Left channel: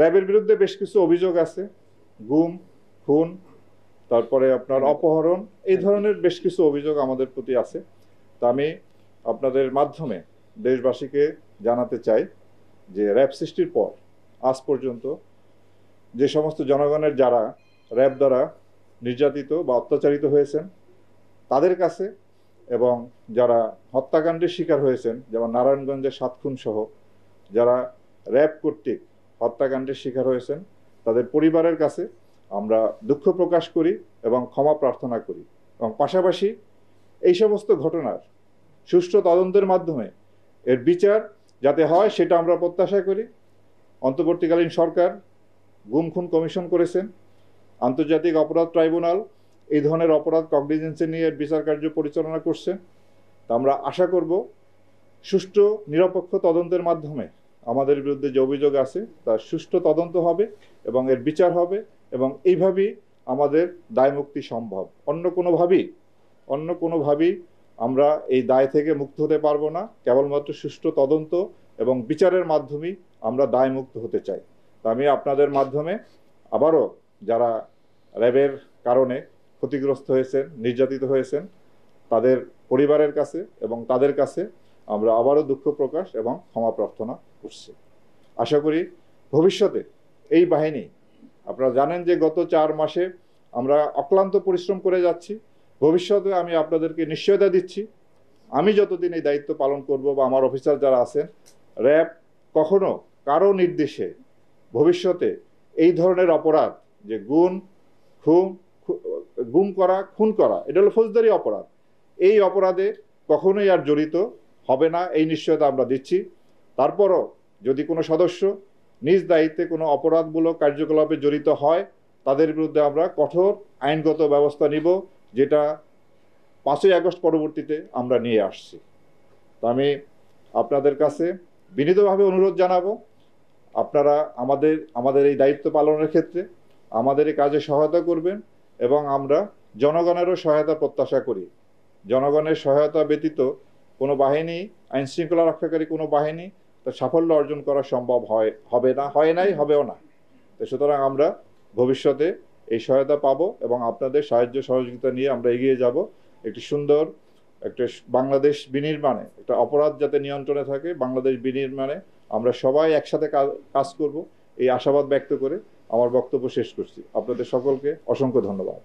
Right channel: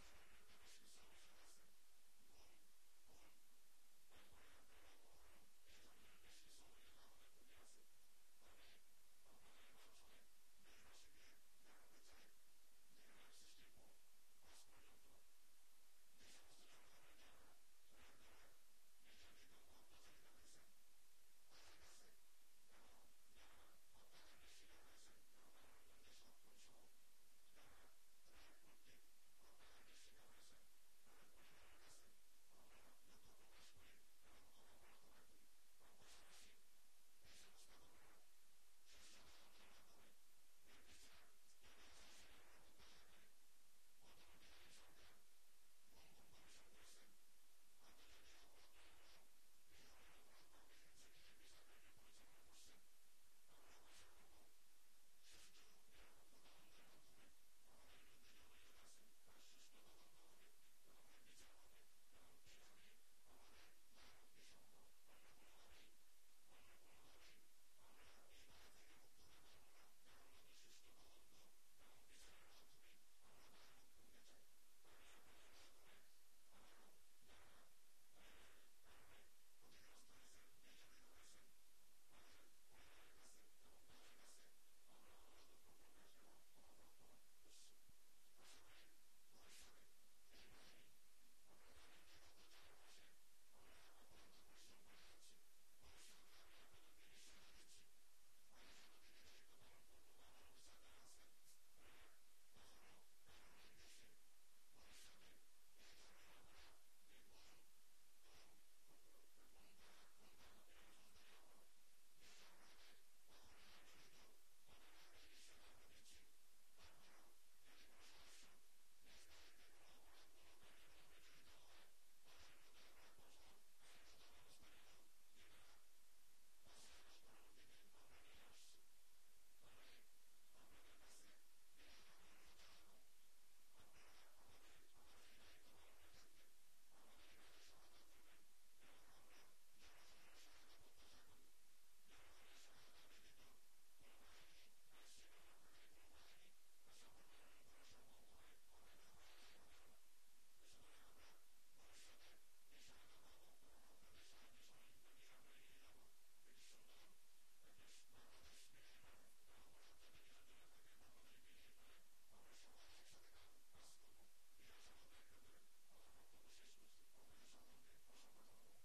র্যাবের বিরুদ্ধে বেশ কিছু অভিযোগ আছে, গুম, খুন, তারপরে আপনার অপহরণ, এই ধরনের বেশ কিছু অভিযোগ আমাদের প্রতি আছে। তা আমি আপনাদের মাধ্যমে দেশবাসীকে জানাতে চাই যে র্যাব সৃষ্টির পর আজ পর্যন্ত যে সমস্ত জনগণের যারা র্যাব দ্বারা নির্যাতিত বা অত্যাচারিত হয়েছেন তাদের কাছে, এবং যারা হত্যাকাণ্ডের শিকার হয়েছেন, যেমন নারায়ণগঞ্জের 7 খুন সহ যারা র্যাব কর্তৃক হত্যাকাণ্ডের শিকার হয়েছেন তাদের পরিবারের কাছে আমরা দুঃখ প্রকাশ করি এবং ক্ষমা প্রার্থনা করি, এবং পাশাপাশি এই সমস্ত ঘটনার সুষ্ঠু তদন্তের মাধ্যমে এর বিচার যাতে হয় সেটা আমরা প্রত্যাশা করি। অন্তর্বর্তীকালীন সরকার গুম খুন কমিশন করেছেন, আন্তর্জাতিক অপরাধ ট্রাইব্যুনাল এই ধরনের অপরাধ কগনিজেন্সে নিয়ে বিচার কার্য পরিচালনা করছে। তা আমরা আশা করব সুষ্ঠু নিরপেক্ষ তদন্তের মাধ্যমে আমাদের বিরুদ্ধে যে অভিযোগ আছে তার সুষ্ঠু তদন্ত হবে এবং এর বিচার হবে, এবং এইভাবেই আমাদের দায় মুক্তি সম্ভব। অন্য কোনোভাবেই আমরা এই দায় থেকে মুক্ত হতে পারবো না। কেবলমাত্র সুষ্ঠু তদন্ত এবং বিচারের মাধ্যমেই আমরা দায় মুক্ত হতে চাই। তা আমি আপনাদের মাধ্যমে আবারও যারা র্যাবের কারণে ক্ষতিগ্রস্ত হয়েছেন, নির্যাতিত হয়েছেন, তাদের পরিবারের কাছে এবং তাদের কাছে আমরা আবারও দুঃখ প্রকাশ এবং ক্ষমা প্রার্থনা করছি। আশা করি ভবিষ্যতে এই বাহিনী, আপনারা জানেন যে গত 4 মাসে আমরা অক্লান্ত পরিশ্রম করে যাচ্ছি। ভবিষ্যতে আমি আপনাদেরকে নিশ্চয়তা দিচ্ছি, আমি যতদিন এই দায়িত্ব পালন করব বা আমার অফিসার যারা আছেন, র্যাব কখনো কারো নির্দেশে ভবিষ্যতে এই ধরনের অপরাধ, যে গুম করা, খুন করা, এটা হলো ফৌজদারি অপরাধ, এই অপরাধে কখনোই আর জড়িত হবে না, এই নিশ্চয়তা আমরা দিচ্ছি। তারপরও যদি কোনো সদস্য নিজ দায়িত্বে কোনো অপরাধমূলক কার্যকলাপে জড়িত হয় তাদের বিরুদ্ধে আমরা কঠোর আইনগত ব্যবস্থা নিব, যেটা 5ই আগস্ট পরবর্তীতে আমরা নিয়ে আসছি। তো আমি আপনাদের কাছে বিনীতভাবে অনুরোধ জানাবো, আপনারা আমাদের এই দায়িত্ব পালনের ক্ষেত্রে আমাদের এই কাজে সহায়তা করবেন, এবং আমরা জনগণেরও সহায়তা প্রত্যাশা করি। জনগণের সহায়তা ব্যতীত কোনো বাহিনী, আইন শৃঙ্খলা রক্ষাকারী কোনো বাহিনী তার সাফল্য অর্জন করা সম্ভব হবে না, হয় নাই, হবেও না। তো সুতরাং আমরা ভবিষ্যতে এই সহায়তা পাবো এবং আপনাদের সাহায্য সহযোগিতা নিয়ে আমরা এগিয়ে যাব একটি সুন্দর একটা বাংলাদেশ বিনির্মাণে, একটা অপরাধ যাতে নিয়ন্ত্রণে থাকে, বাংলাদেশ বিনির্মাণে আমরা সবাই একসাথে কাজ করব, এই আশাবাদ ব্যক্ত করে আমার বক্তব্য শেষ করছি। আপনাদের সকলকে অসংখ্য ধন্যবাদ।